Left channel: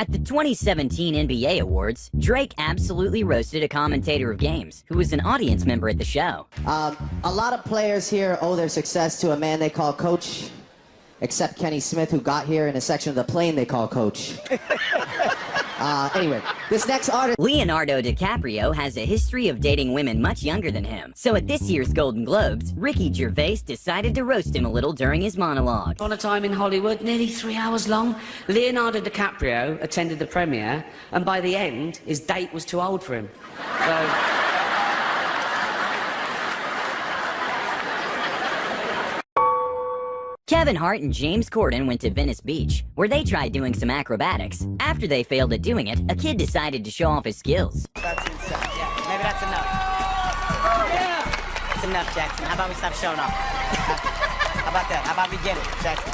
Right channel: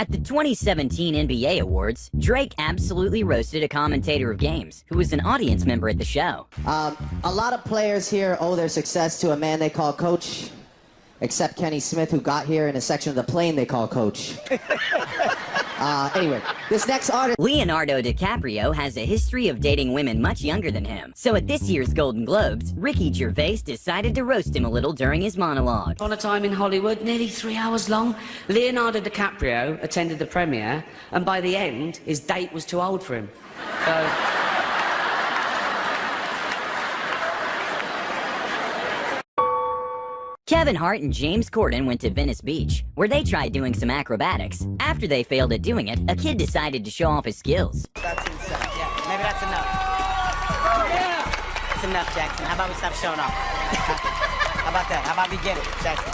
At the 2017 NBA Awards, Drake absolutely roasted a commentator of games who was an audience member at the show. A lot of players here owe their success to a man they call Coach, except Kenny Smith, who got here in a section of the plane they call Coach. Anyway, this next artist... Leonardo DiCaprio has a history of dating women much younger than him. So at this year's Golden Globes, Ricky Gervais decided to roast him a little during his monologue. On a time in Hollywood, nearly 3 hours long, Leonardo DiCaprio attended the premiere, and by the end, his date was too old for him. So... Kevin Hart and James Corden went to Venice Beach, where they tried doing some acrobatics. After they failed at doing it, a kid decided to show off his skills. Maybe that's enough. That's enough, Jackson. How about we stop showing off? How about that? How about we get it, Jackson?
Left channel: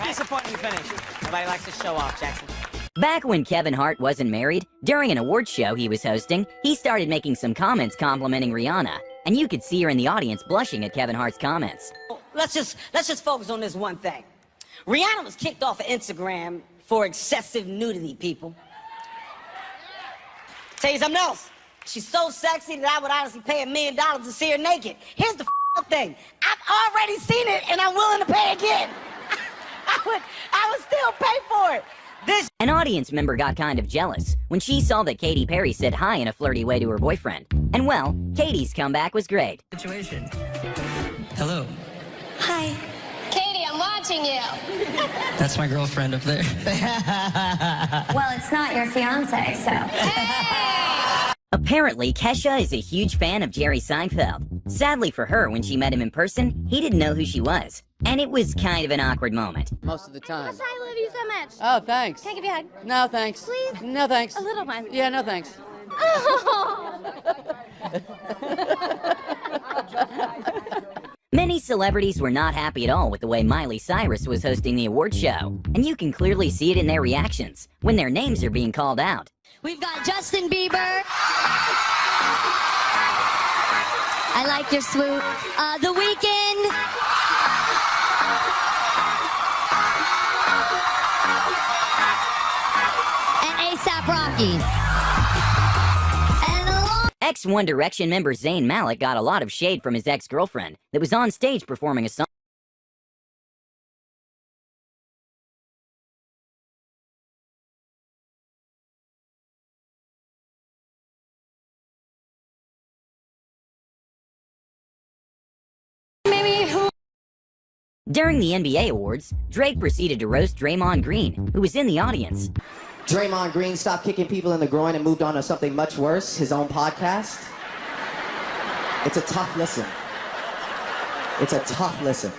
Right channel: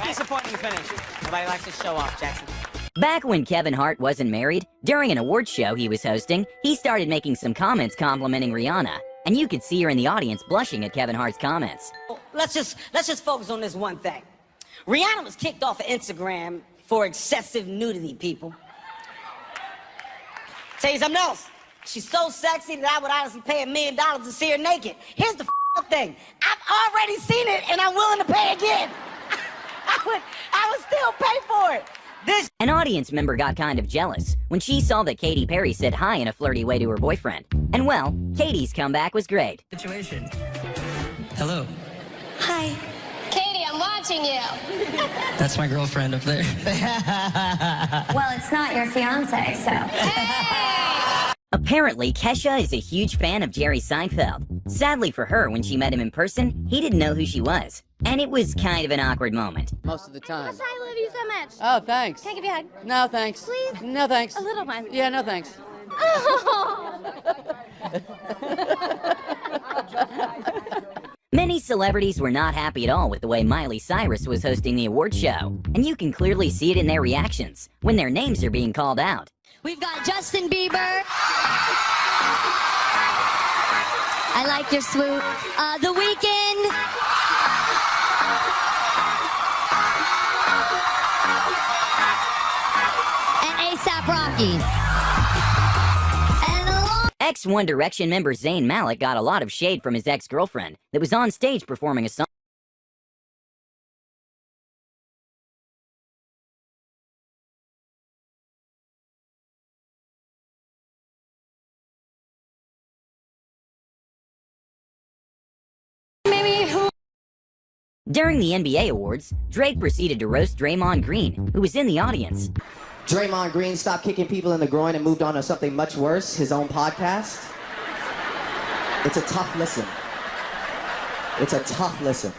What's the point in finish? Nobody likes to show off, Jackson. Back when Kevin Hart wasn't married, during an award show he was hosting, he started making some comments complimenting Rihanna. And you could see her in the audience blushing at Kevin Hart's comments. Let's just focus on this one thing. Rihanna was kicked off of Instagram for excessive nudity, people. Tell you something else. She's so sexy that I would honestly pay $1 million to see her naked. Here's the thing. I've already seen it, and I'm willing to pay again. I would still pay for it. An audience member got kind of jealous when she saw that Katy Perry said hi in a flirty way to her boyfriend. And well, Katy's comeback was great. Situation. Hello. Hi. Katie, I'm watching you. That's my girlfriend up there. Well, it's not your fiance, so. Apparently, Kesha is a huge fan of Jerry Seinfeld. Sadly for her, when she met him in person, he didn't know who she was. And it was kind of an awkward moment. Most of the time. I love you so much. Oh, thanks. Can I give you a hug? No, thanks. Please? No, thanks. A little one. Yeah, no, thanks. Oh. Many celebrities were not happy at all with the way Miley Cyrus was hosting the award show. And you can clearly see it in their reactions when their names are being called out. We've got Justin Bieber. I like your swoop. The Weeknd. And A$AP Rocky. Ex-One Direction member Zayn Malik got a lot of shade from his ex-girlfriend that was on stage performing a song. During the NBA Awards, Drake proceeded to roast Draymond Green, who was in the audience. Draymond Green stopped kicking people in the groin and moved on to something much worse, his own podcast. It's a tough listen. It's a tough listen.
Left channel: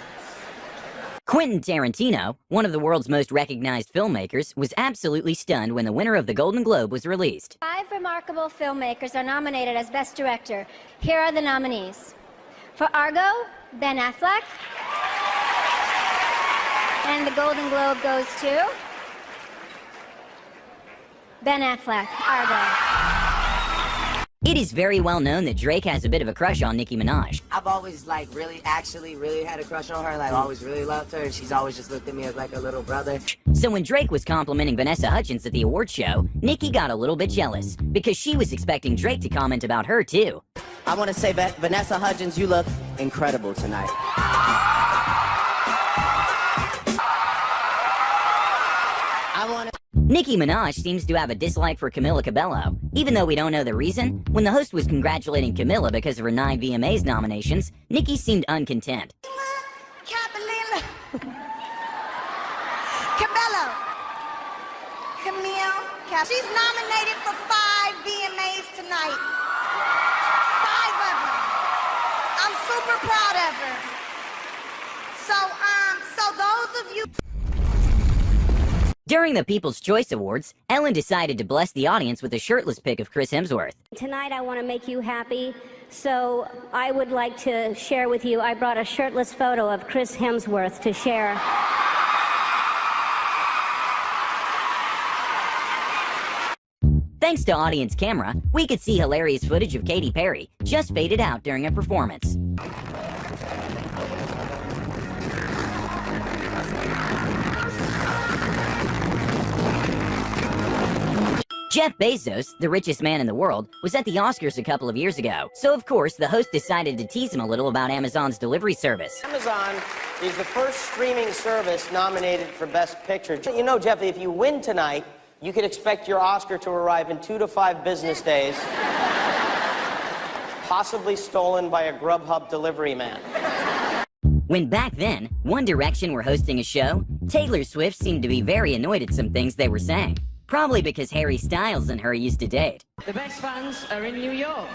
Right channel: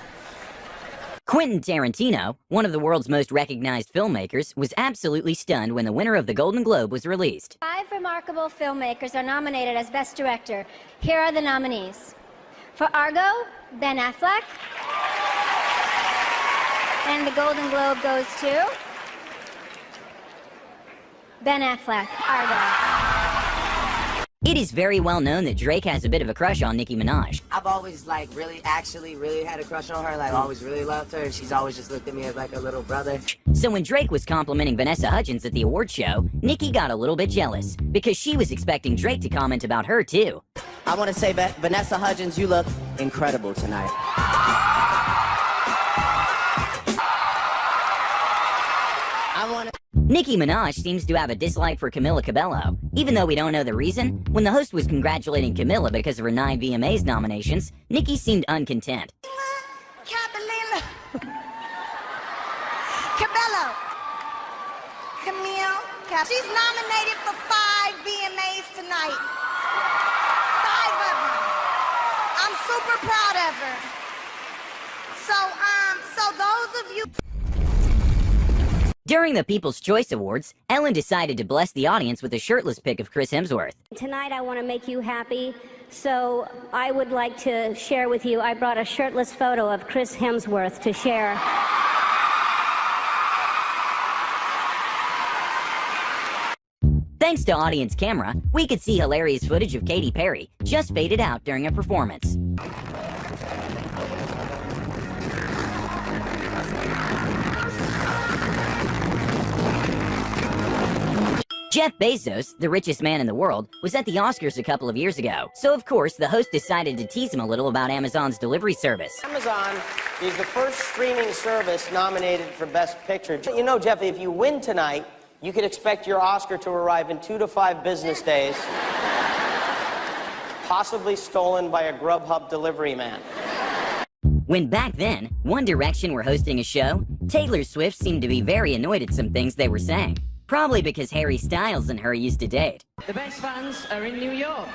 Quentin Tarantino, one of the world's most recognized filmmakers, was absolutely stunned when the winner of the Golden Globe was released. 5 remarkable filmmakers are nominated as Best Director. Here are the nominees. For Argo, Ben Affleck. And the Golden Globe goes to Ben Affleck, Argo. It is very well known that Drake has a bit of a crush on Nicki Minaj. I've always, really had a crush on her. Always really loved her. And she's always just looked at me as like a little brother. So when Drake was complimenting Vanessa Hudgens at the award show, Nicki got a little bit jealous because she was expecting Drake to comment about her too. I want to say, Vanessa Hudgens, you look incredible tonight. Nicki Minaj seems to have a dislike for Camila Cabello. Even though we don't know the reason, when the host was congratulating Camila because of her 9 VMAs nominations, Nicki seemed uncontent. Cabello. Camille. She's nominated for 5 VMAs tonight. 5 of them. I'm super proud of her. So those of you... During the People's Choice Awards, Ellen decided to bless the audience with a shirtless pic of Chris Hemsworth. Tonight I want to make you happy, so I would like to share with you, I brought a shirtless photo of Chris Hemsworth to share. Thanks to Audience Camera, we could see hilarious footage of Katy Perry just faded out during a performance. Jeff Bezos, the richest man in the world, was at the Oscars a couple of years ago. So of course, the host decided to tease him a little about Amazon's delivery service. Amazon is the first streaming service nominated for Best Picture. You know, Jeff, if you win tonight, you can expect your Oscar to arrive in 2 to 5 business days. Possibly stolen by a Grubhub delivery man. When back then, One Direction were hosting a show, Taylor Swift seemed to be very annoyed at some things they were saying. Probably because Harry Styles and her used to date. The best fans are in New York.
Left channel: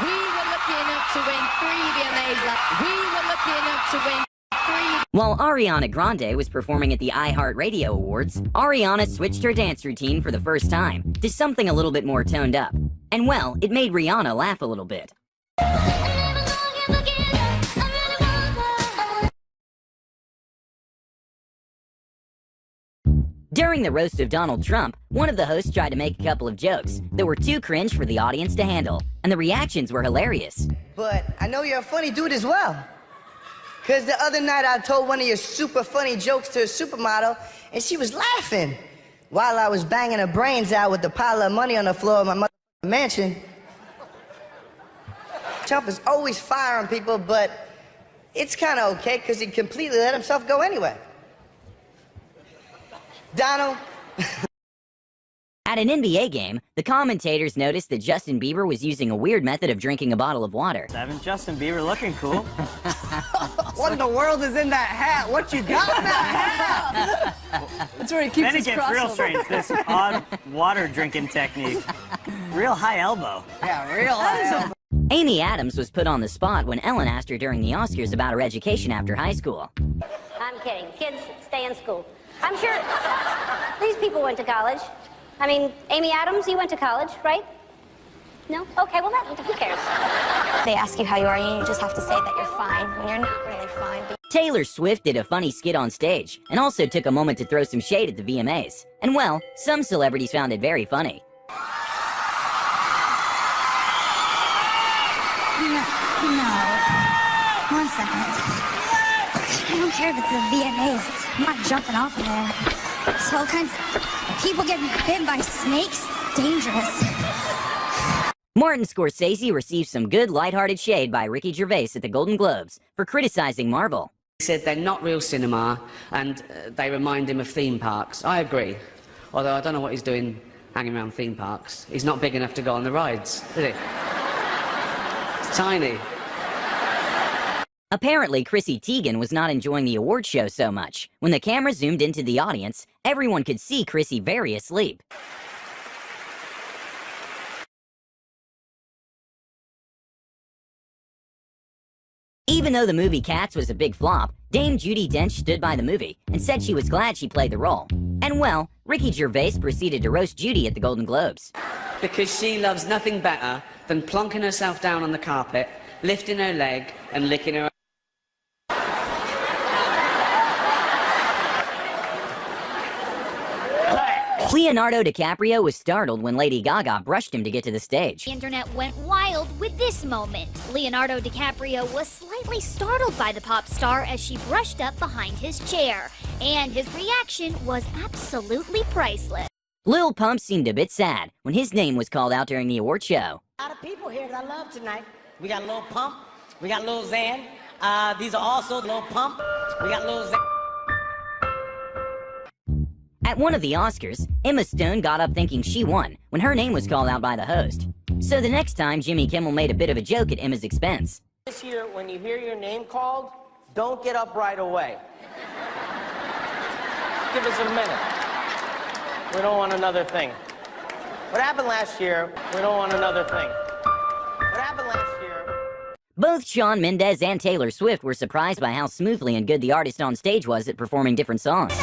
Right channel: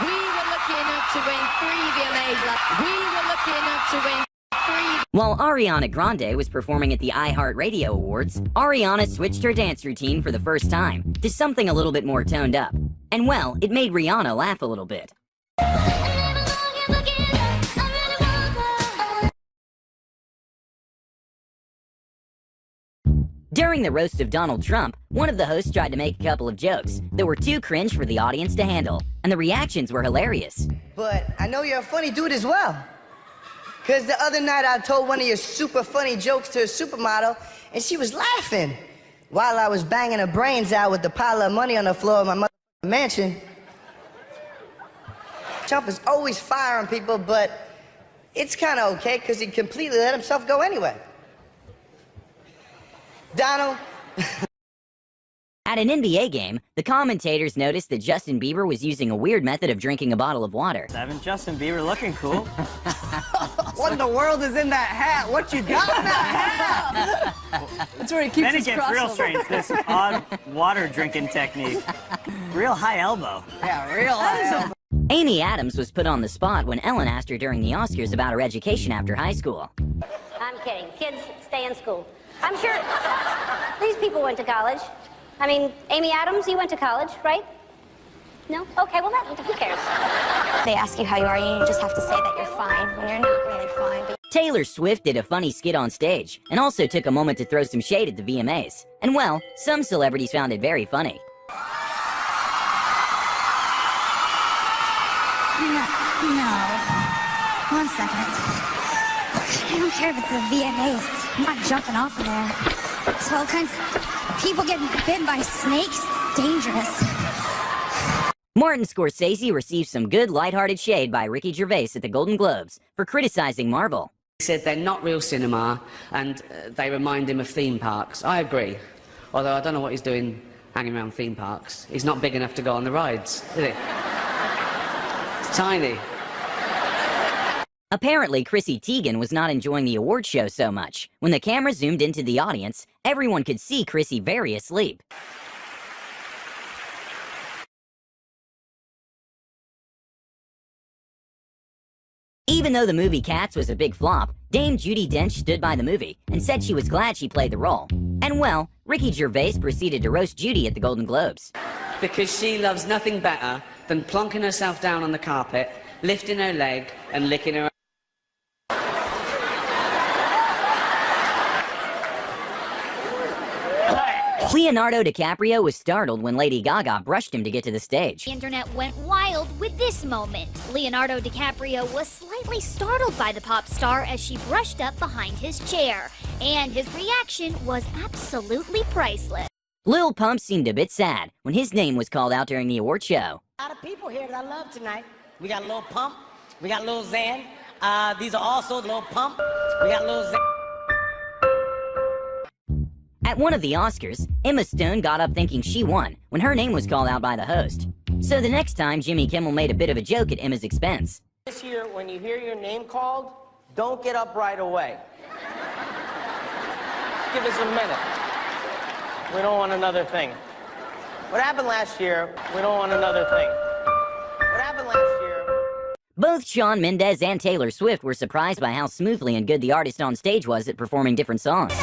We were lucky enough to win 3 VMAs. We were lucky enough to win 3. While Ariana Grande was performing at the iHeartRadio Awards, Ariana switched her dance routine for the first time to something a little bit more toned up. And well, it made Rihanna laugh a little bit. During the roast of Donald Trump, one of the hosts tried to make a couple of jokes that were too cringe for the audience to handle, and the reactions were hilarious. But I know you're a funny dude as well. Because the other night I told one of your super funny jokes to a supermodel, and she was laughing while I was banging her brains out with the pile of money on the floor of my mansion. Trump is always firing people, but it's kind of okay because he completely let himself go anyway. Donald. At an NBA game, the commentators noticed that Justin Bieber was using a weird method of drinking a bottle of water. Evan, Justin Bieber looking cool. What in the world is in that hat? What you got in that hat? That's where he keeps his real crossover. strange. This odd water drinking technique. Real high elbow. Yeah, real high. Amy Adams was put on the spot when Ellen asked her during the Oscars about her education after high school. I'm kidding. Kids, stay in school. I'm sure these people went to college. I mean, Amy Adams, you went to college, right? No? Okay, well, who cares? They ask you how you are, you just have to say that you're fine when you're not really fine. Taylor Swift did a funny skit on stage and also took a moment to throw some shade at the VMAs. And well, some celebrities found it very funny. One second. I don't care if it's the VMAs. I'm not jumping off of there. So all kinds of people get bit by snakes. Dangerous. Martin Scorsese received some good lighthearted shade by Ricky Gervais at the Golden Globes for criticizing Marvel. He said they're not real cinema, and they remind him of theme parks. I agree. Although I don't know what he's doing hanging around theme parks. He's not big enough to go on the rides, is he? It's tiny. Apparently, Chrissy Teigen was not enjoying the award show so much. When the camera zoomed into the audience, everyone could see Chrissy very asleep. Even though the movie Cats was a big flop, Dame Judi Dench stood by the movie and said she was glad she played the role. And well, Ricky Gervais proceeded to roast Judy at the Golden Globes. Because she loves nothing better than plonking herself down on the carpet, lifting her leg, and licking her. Leonardo DiCaprio was startled when Lady Gaga brushed him to get to the stage. The internet went wild with this moment. Leonardo DiCaprio was slightly startled by the pop star as she brushed up behind his chair, and his reaction was absolutely priceless. Lil Pump seemed a bit sad when his name was called out during the award show. A lot of people here that I love tonight. We got Lil Pump. We got Lil Xan. These are also Lil Pump. We got Lil Xan. At one of the Oscars, Emma Stone got up thinking she won when her name was called out by the host. So the next time, Jimmy Kimmel made a bit of a joke at Emma's expense. This year, when you hear your name called, don't get up right away. Give us a minute. We don't want another thing. What happened last year? We don't want another thing. What happened last year? Both Shawn Mendes and Taylor Swift were surprised by how smoothly and good the artist on stage was at performing different songs.